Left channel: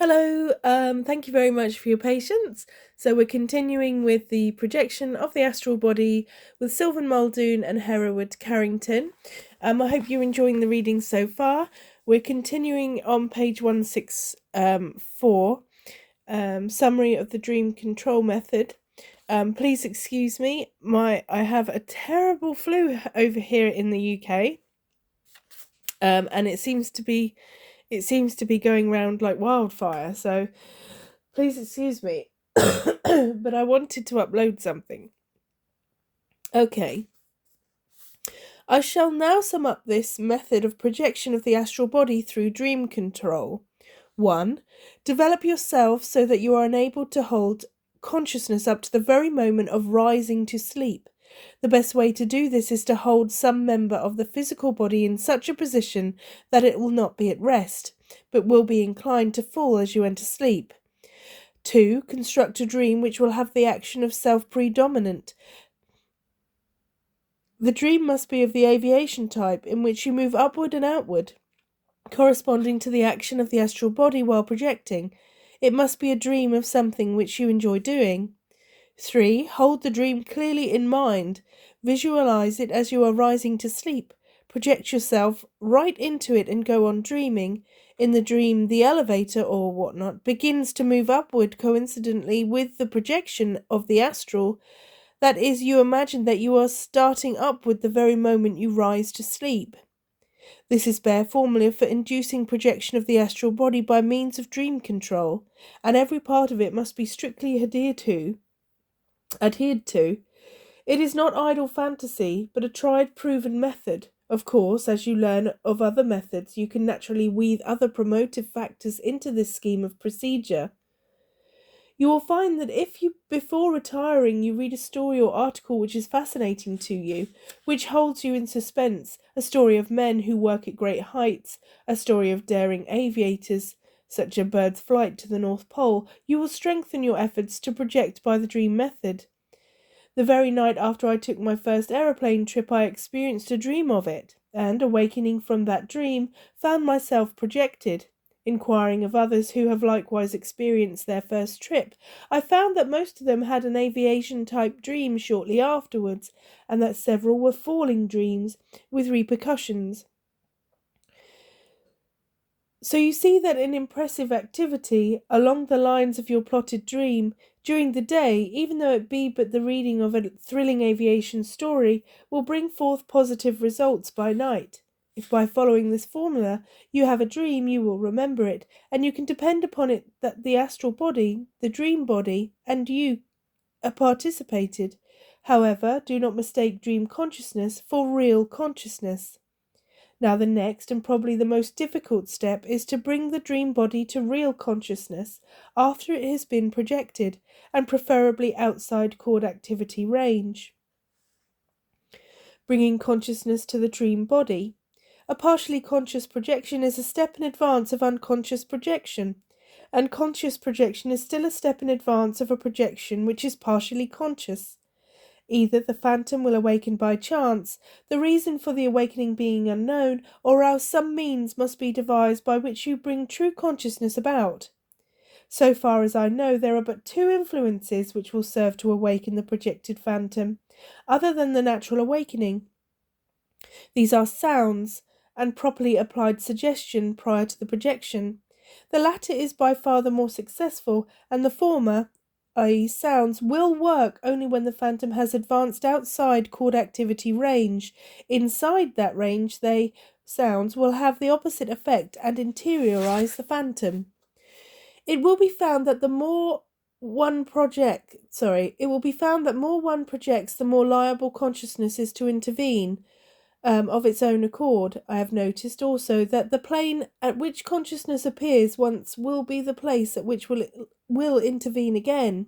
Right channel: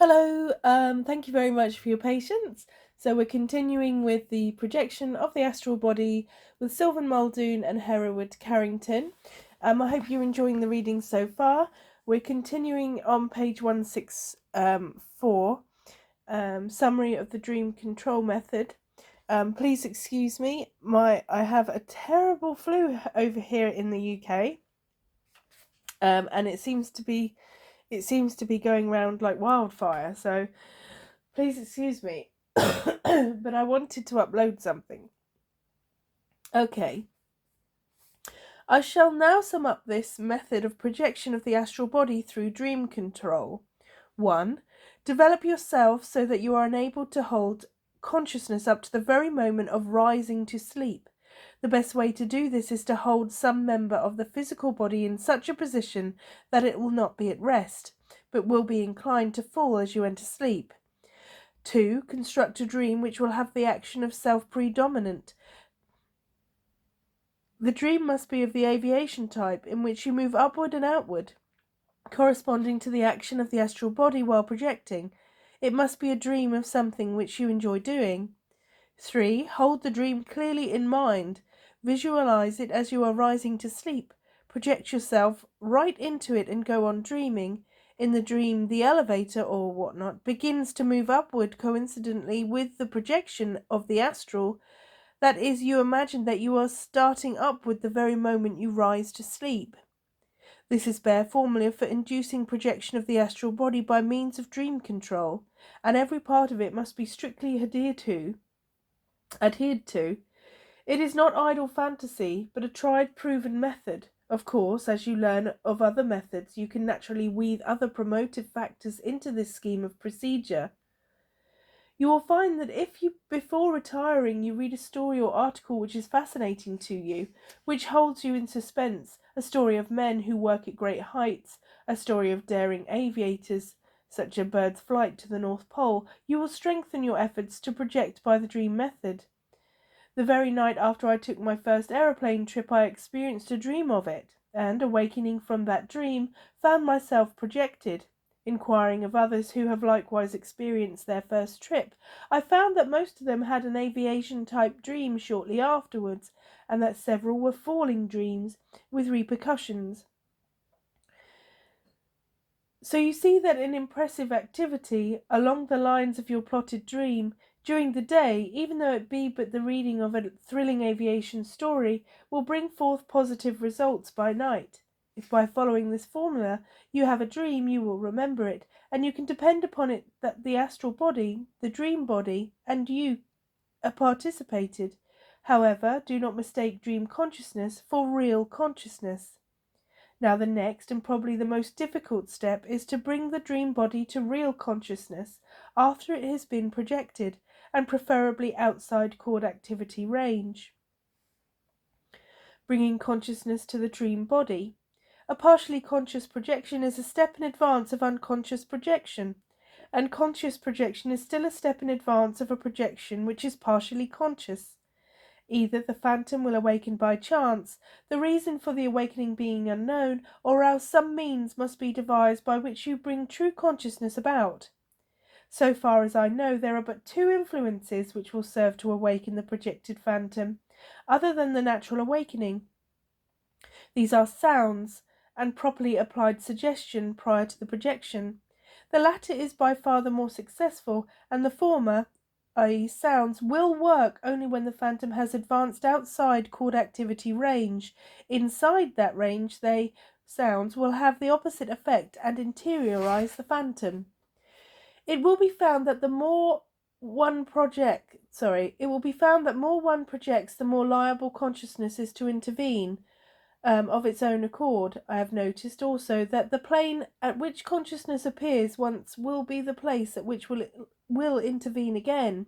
Hello, thank you very much for your patience. So we're continuing with the projection of the astral body with Sylvan, Muldoon and Hereward Carrington. I hope you're enjoying the reading so far. We're continuing on page 164, summary of the dream control method. Please excuse me, I have a terrible flu over here in the UK, and it seems to be going round like wildfire, so please excuse me. But I wanted to upload something. Okay. I shall now sum up this method of projection of the astral body through dream control. 1. Develop yourself so that you are enabled to hold consciousness up to the very moment of rising to sleep. The best way to do this is to hold some member of the physical body in such a position that it will not be at rest, but will be inclined to fall as you enter sleep. 2. Construct a dream which will have the action of self predominant. The dream must be of the aviation type, in which you move upward and outward, corresponding to the action of the astral body while projecting. It must be a dream of something which you enjoy doing. 3. Hold the dream clearly in mind. Visualize it as you are rising to sleep. Project yourself right into it and go on dreaming. In the dream, the elevator or whatnot begins to move upward coincidentally with the projection of the astral. That is, you imagine that you are starting upward the very moment you rise to sleep. This is bare formula for inducing projection of the astral body by means of dream control, and every part of it must be strictly adhered to. It is not idle fantasy, but a tried, proven method. Of course, as you learn of other methods, you can naturally weave other promotive factors into this scheme of procedure. You will find that if you, before retiring, you read a story or article which is fascinating to you, which holds you in suspense, a story of men who work at great heights, a story of daring aviators, such a bird's flight to the North Pole, you will strengthen your efforts to project by the dream method. The very night after I took my first aeroplane trip, I experienced a dream of it, and, awakening from that dream, found myself projected. Inquiring of others who have likewise experienced their first trip, I found that most of them had an aviation-type dream shortly afterwards, and that several were falling dreams, with repercussions. So you see that an impressive activity, along the lines of your plotted dream, during the day, even though it be but the reading of a thrilling aviation story, will bring forth positive results by night. If by following this formula you have a dream, you will remember it, and you can depend upon it that the astral body, the dream body, and you participated. However, do not mistake dream consciousness for real consciousness. Now the next and probably the most difficult step is to bring the dream body to real consciousness after it has been projected, and preferably outside cord activity range. Bringing consciousness to the dream body. A partially conscious projection is a step in advance of unconscious projection, and conscious projection is still a step in advance of a projection which is partially conscious. Either the phantom will awaken by chance, the reason for the awakening being unknown, or else some means must be devised by which you bring true consciousness about. So far as I know, there are but two influences which will serve to awaken the projected phantom, other than the natural awakening. These are sounds, and properly applied suggestion prior to the projection. The latter is by far the more successful, and the former, i.e. sounds, will work only when the phantom has advanced outside cord activity range. Inside that range, sounds will have the opposite effect and interiorize the phantom. It will be found that the more one projects, the more liable consciousness is to intervene. Of its own accord. I have noticed also that the plane at which consciousness appears once will be the place at which will intervene again.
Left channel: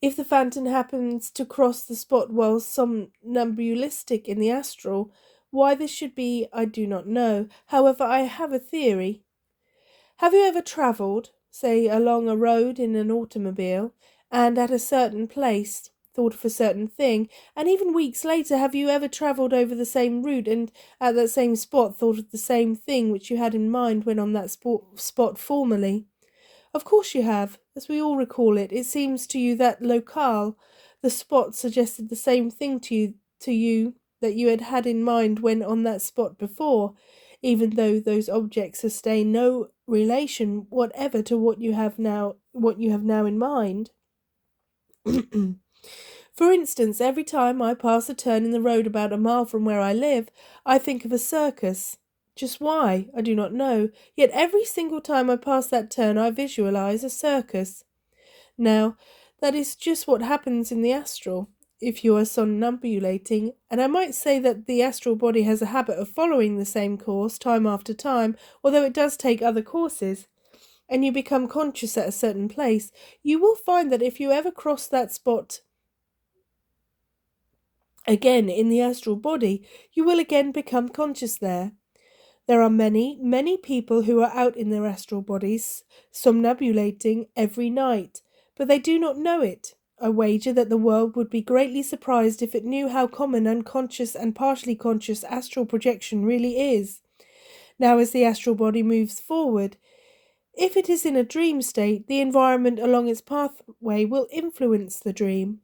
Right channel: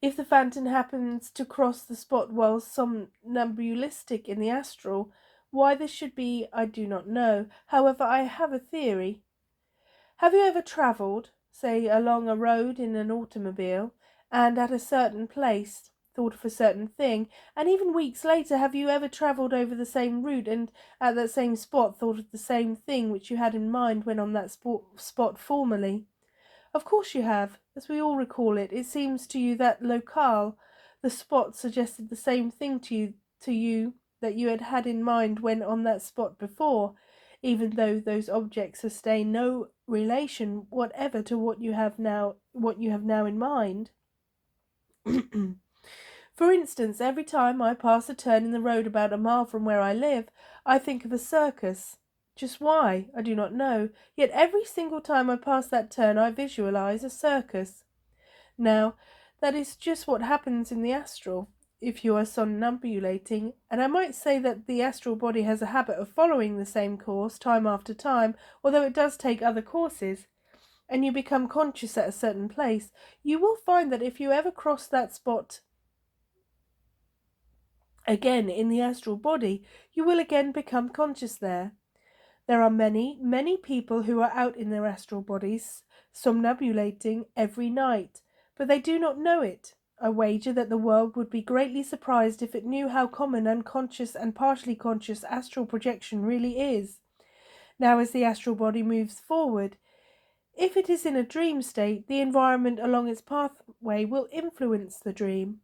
If the phantom happens to cross the spot while somnambulistic in the astral, why this should be I do not know. However, I have a theory. Have you ever travelled, say, along a road in an automobile, and at a certain place thought of a certain thing, and even weeks later, have you ever travelled over the same route and at that same spot thought of the same thing which you had in mind when on that spot formerly? Of course you have, as we all recall it. It seems to you that locale, the spot, suggested the same thing to you that you had had in mind when on that spot before, even though those objects sustain no relation whatever to what you have now in mind. For instance, every time I pass a turn in the road about a mile from where I live, I think of a circus. Just why, I do not know, yet every single time I pass that turn I visualize a circus. Now, that is just what happens in the astral, if you are somnambulating, and I might say that the astral body has a habit of following the same course time after time, although it does take other courses, and you become conscious at a certain place. You will find that if you ever cross that spot again in the astral body, you will again become conscious there. There are many, many people who are out in their astral bodies, somnambulating every night, but they do not know it. I wager that the world would be greatly surprised if it knew how common unconscious and partially conscious astral projection really is. Now, as the astral body moves forward, if it is in a dream state, the environment along its pathway will influence the dream.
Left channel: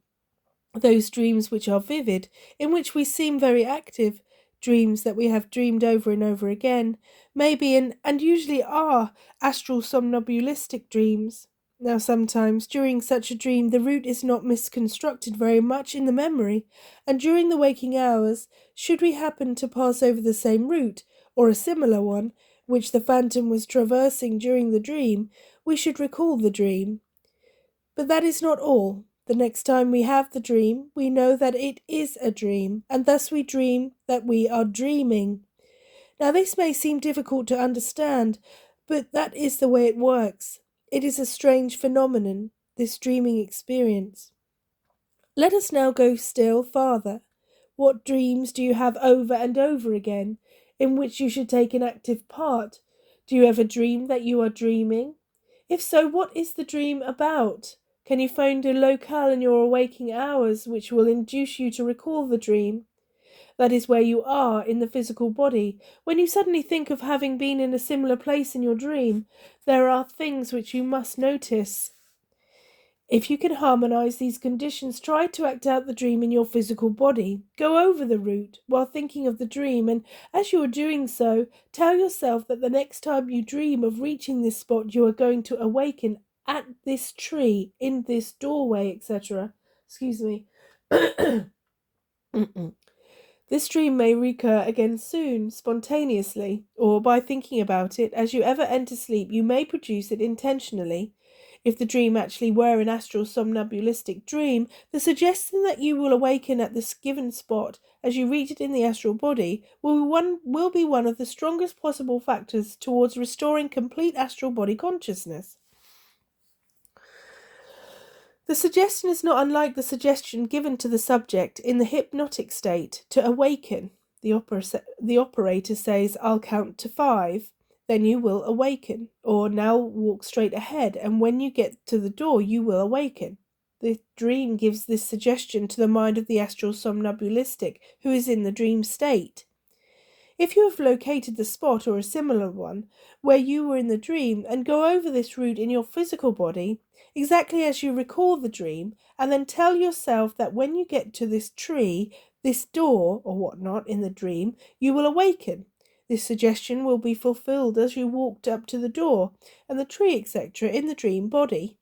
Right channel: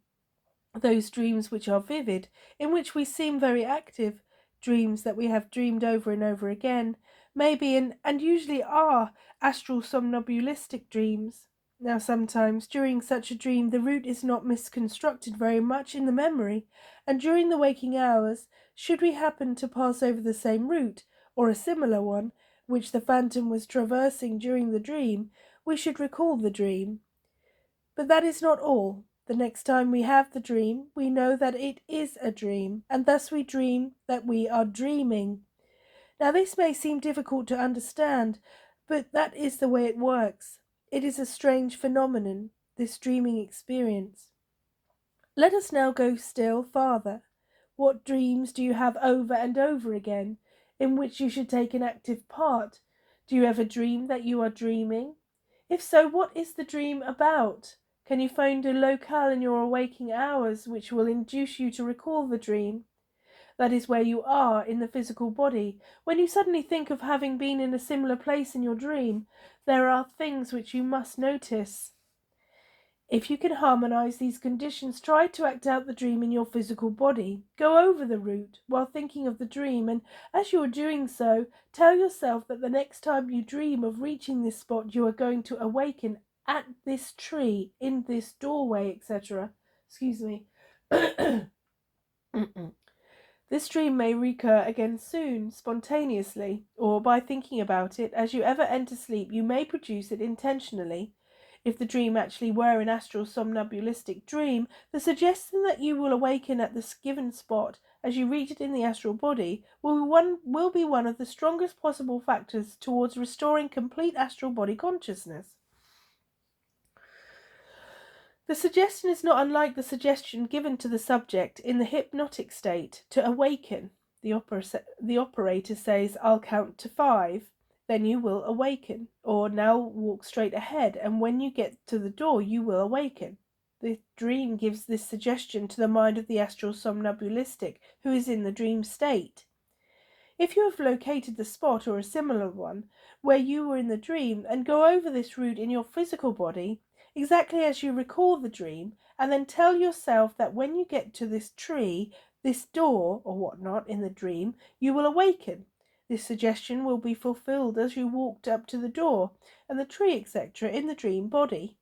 Those dreams which are vivid, in which we seem very active, dreams that we have dreamed over and over again, may be and usually are astral somnambulistic dreams. Now sometimes during such a dream the route is not misconstructed very much in the memory, and during the waking hours, should we happen to pass over the same route, or a similar one, which the phantom was traversing during the dream, we should recall the dream. But that is not all. The next time we have the dream, we know that it is a dream, and thus we dream that we are dreaming. Now this may seem difficult to understand, but that is the way it works. It is a strange phenomenon, this dreaming experience. Let us now go still farther. What dreams do you have over and over again, in which you should take an active part? Do you ever dream that you are dreaming? If so, what is the dream about? Can you find a locale in your waking hours which will induce you to recall the dream? That is where you are in the physical body. When you suddenly think of having been in a similar place in your dream, there are things which you must notice. If you can harmonize these conditions, try to act out the dream in your physical body. Go over the route while thinking of the dream, and as you are doing so, tell yourself that the next time you dream of reaching this spot, you are going to awaken at this tree, in this doorway, etc. Excuse me. This dream may recur again soon, spontaneously, or by thinking about it. As you ever enter sleep, you may produce it intentionally. If the dream actually were an astral somnambulistic dream, the suggestion that you will awaken at this given spot as you reach it in the astral body will be one of the strongest possible factors towards restoring complete astral body consciousness. The suggestion is not unlike the suggestion given to the subject in the hypnotic state to awaken. The operator says, "I'll count to 5, then you will awaken," or "Now walk straight ahead, and when you get to the door you will awaken." The dream gives this suggestion to the mind of the astral somnambulistic who is in the dream state. If you have located the spot or a similar one where you were in the dream and go over this route in your physical body, exactly as you recall the dream, and then tell yourself that when you get to this tree, this door, or whatnot in the dream, you will awaken. This suggestion will be fulfilled as you walked up to the door and the tree, etc., in the dream body.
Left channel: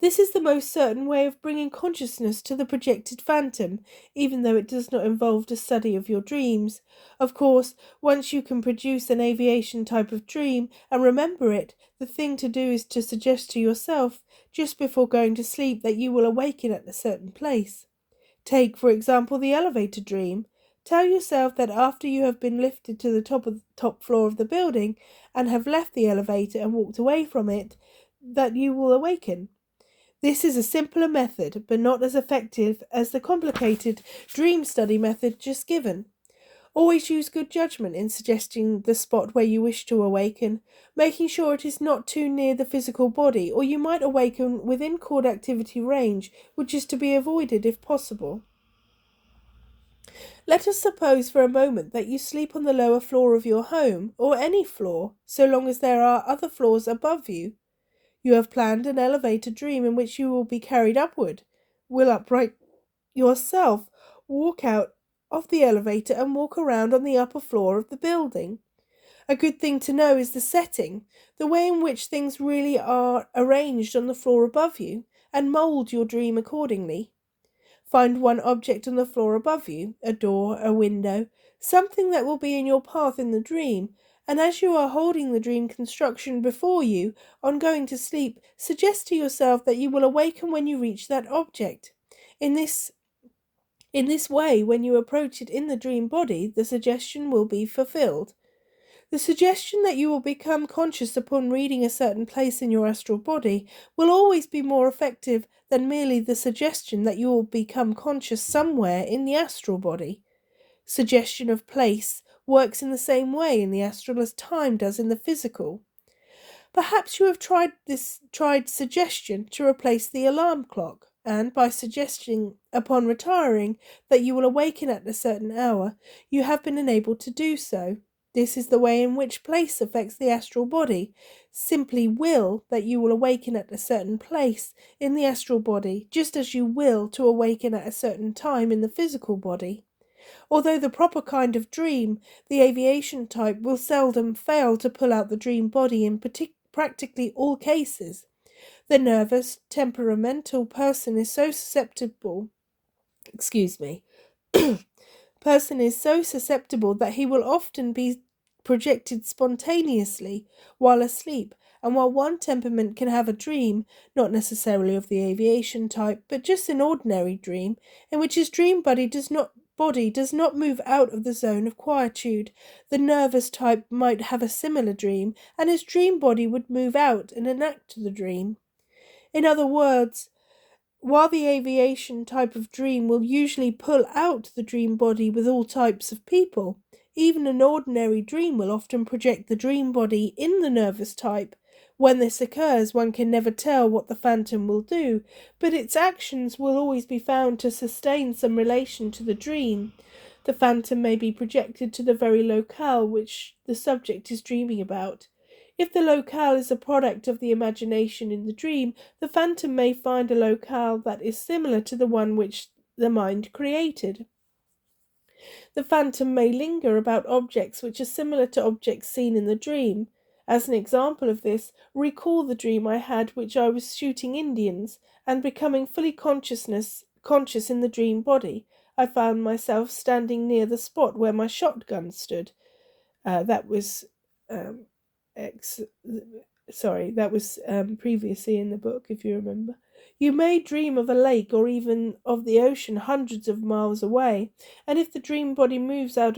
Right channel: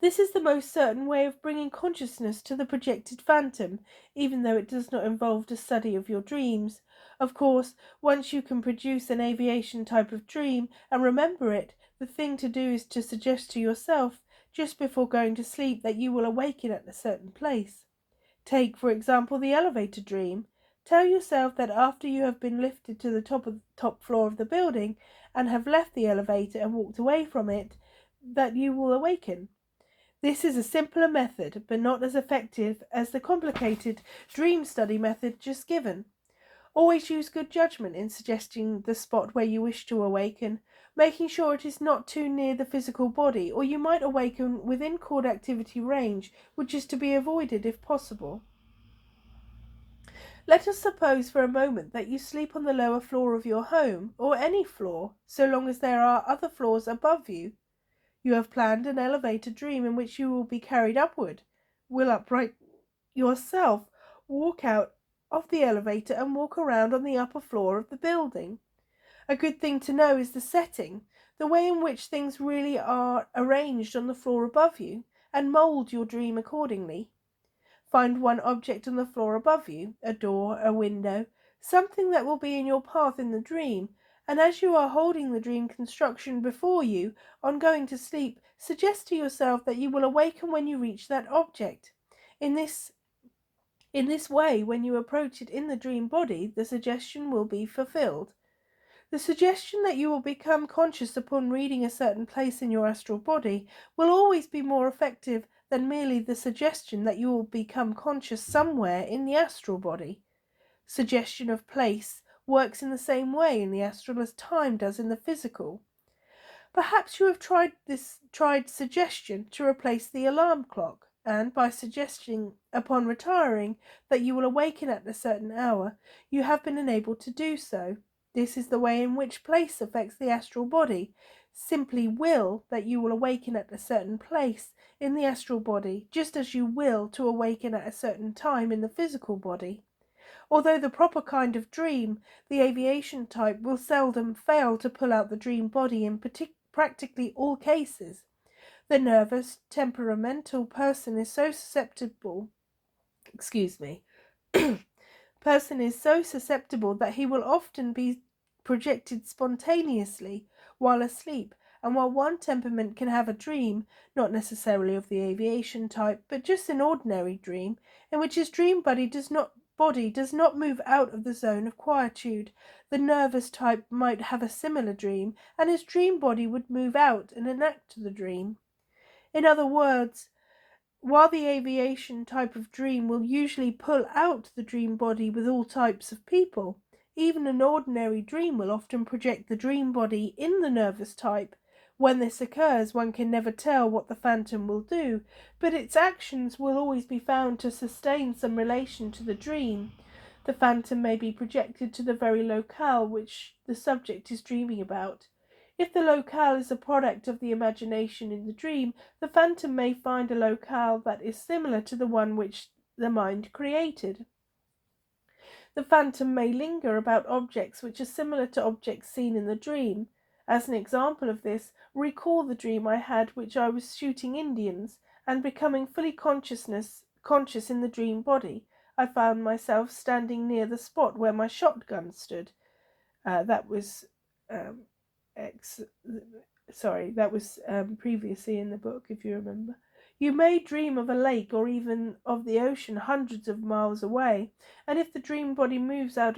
This is the most certain way of bringing consciousness to the projected phantom, even though it does not involve the study of your dreams. Of course, once you can produce an aviation type of dream and remember it, the thing to do is to suggest to yourself, just before going to sleep, that you will awaken at a certain place. Take, for example, the elevator dream. Tell yourself that after you have been lifted to the top floor of the building and have left the elevator and walked away from it, that you will awaken. This is a simpler method, but not as effective as the complicated dream study method just given. Always use good judgment in suggesting the spot where you wish to awaken, making sure it is not too near the physical body, or you might awaken within cord activity range, which is to be avoided if possible. Let us suppose for a moment that you sleep on the lower floor of your home, or any floor, so long as there are other floors above you. You have planned an elevator dream in which you will be carried upward, will upright yourself, walk out of the elevator and walk around on the upper floor of the building. A good thing to know is the setting, the way in which things really are arranged on the floor above you, and mould your dream accordingly. Find one object on the floor above you, a door, a window, something that will be in your path in the dream, and as you are holding the dream construction before you on going to sleep, suggest to yourself that you will awaken when you reach that object. In this way, when you approach it in the dream body, the suggestion will be fulfilled. The suggestion that you will become conscious upon reading a certain place in your astral body will always be more effective than merely the suggestion that you will become conscious somewhere in the astral body. Suggestion of place works in the same way in the astral as time does in the physical. Perhaps you have tried suggestion to replace the alarm clock, and by suggesting upon retiring that you will awaken at a certain hour, you have been enabled to do so. This is the way in which place affects the astral body. Simply will that you will awaken at a certain place in the astral body, just as you will to awaken at a certain time in the physical body. Although the proper kind of dream, the aviation type, will seldom fail to pull out the dream body in practically all cases. The nervous, temperamental person is so susceptible that he will often be projected spontaneously while asleep, and while one temperament can have a dream, not necessarily of the aviation type, but just an ordinary dream, in which his dream body does not move out of the zone of quietude, the nervous type might have a similar dream, and his dream body would move out and enact the dream. In other words, while the aviation type of dream will usually pull out the dream body with all types of people, even an ordinary dream will often project the dream body in the nervous type. When this occurs, one can never tell what the phantom will do, but its actions will always be found to sustain some relation to the dream. The phantom may be projected to the very locale which the subject is dreaming about. If the locale is a product of the imagination in the dream, the phantom may find a locale that is similar to the one which the mind created. The phantom may linger about objects which are similar to objects seen in the dream. As an example of this, recall the dream I had which I was shooting Indians, and becoming fully conscious in the dream body, I found myself standing near the spot where my shotgun stood. That was previously in the book, if you remember. You may dream of a lake or even of the ocean hundreds of miles away, and if the dream body moves out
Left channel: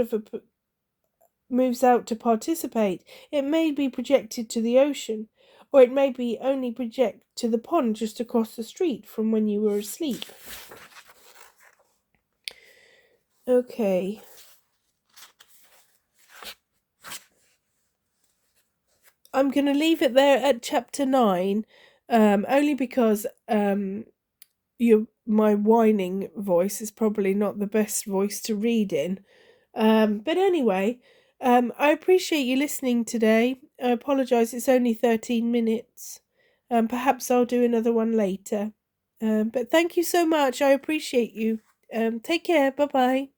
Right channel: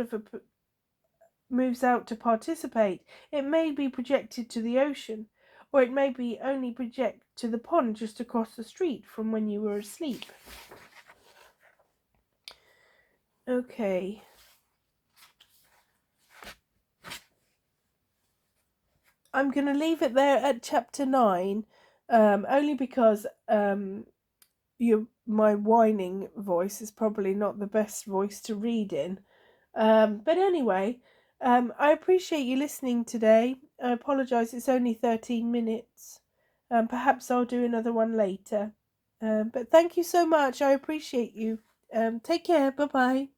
to participate, it may be projected to the ocean, or it may be only project to the pond just across the street from when you were asleep. Okay. I'm going to leave it there at chapter 9, only because my whining voice is probably not the best voice to read in. But anyway, I appreciate you listening today. I apologise, it's only 13 minutes. Perhaps I'll do another one later. But thank you so much. I appreciate you. Take care. Bye-bye.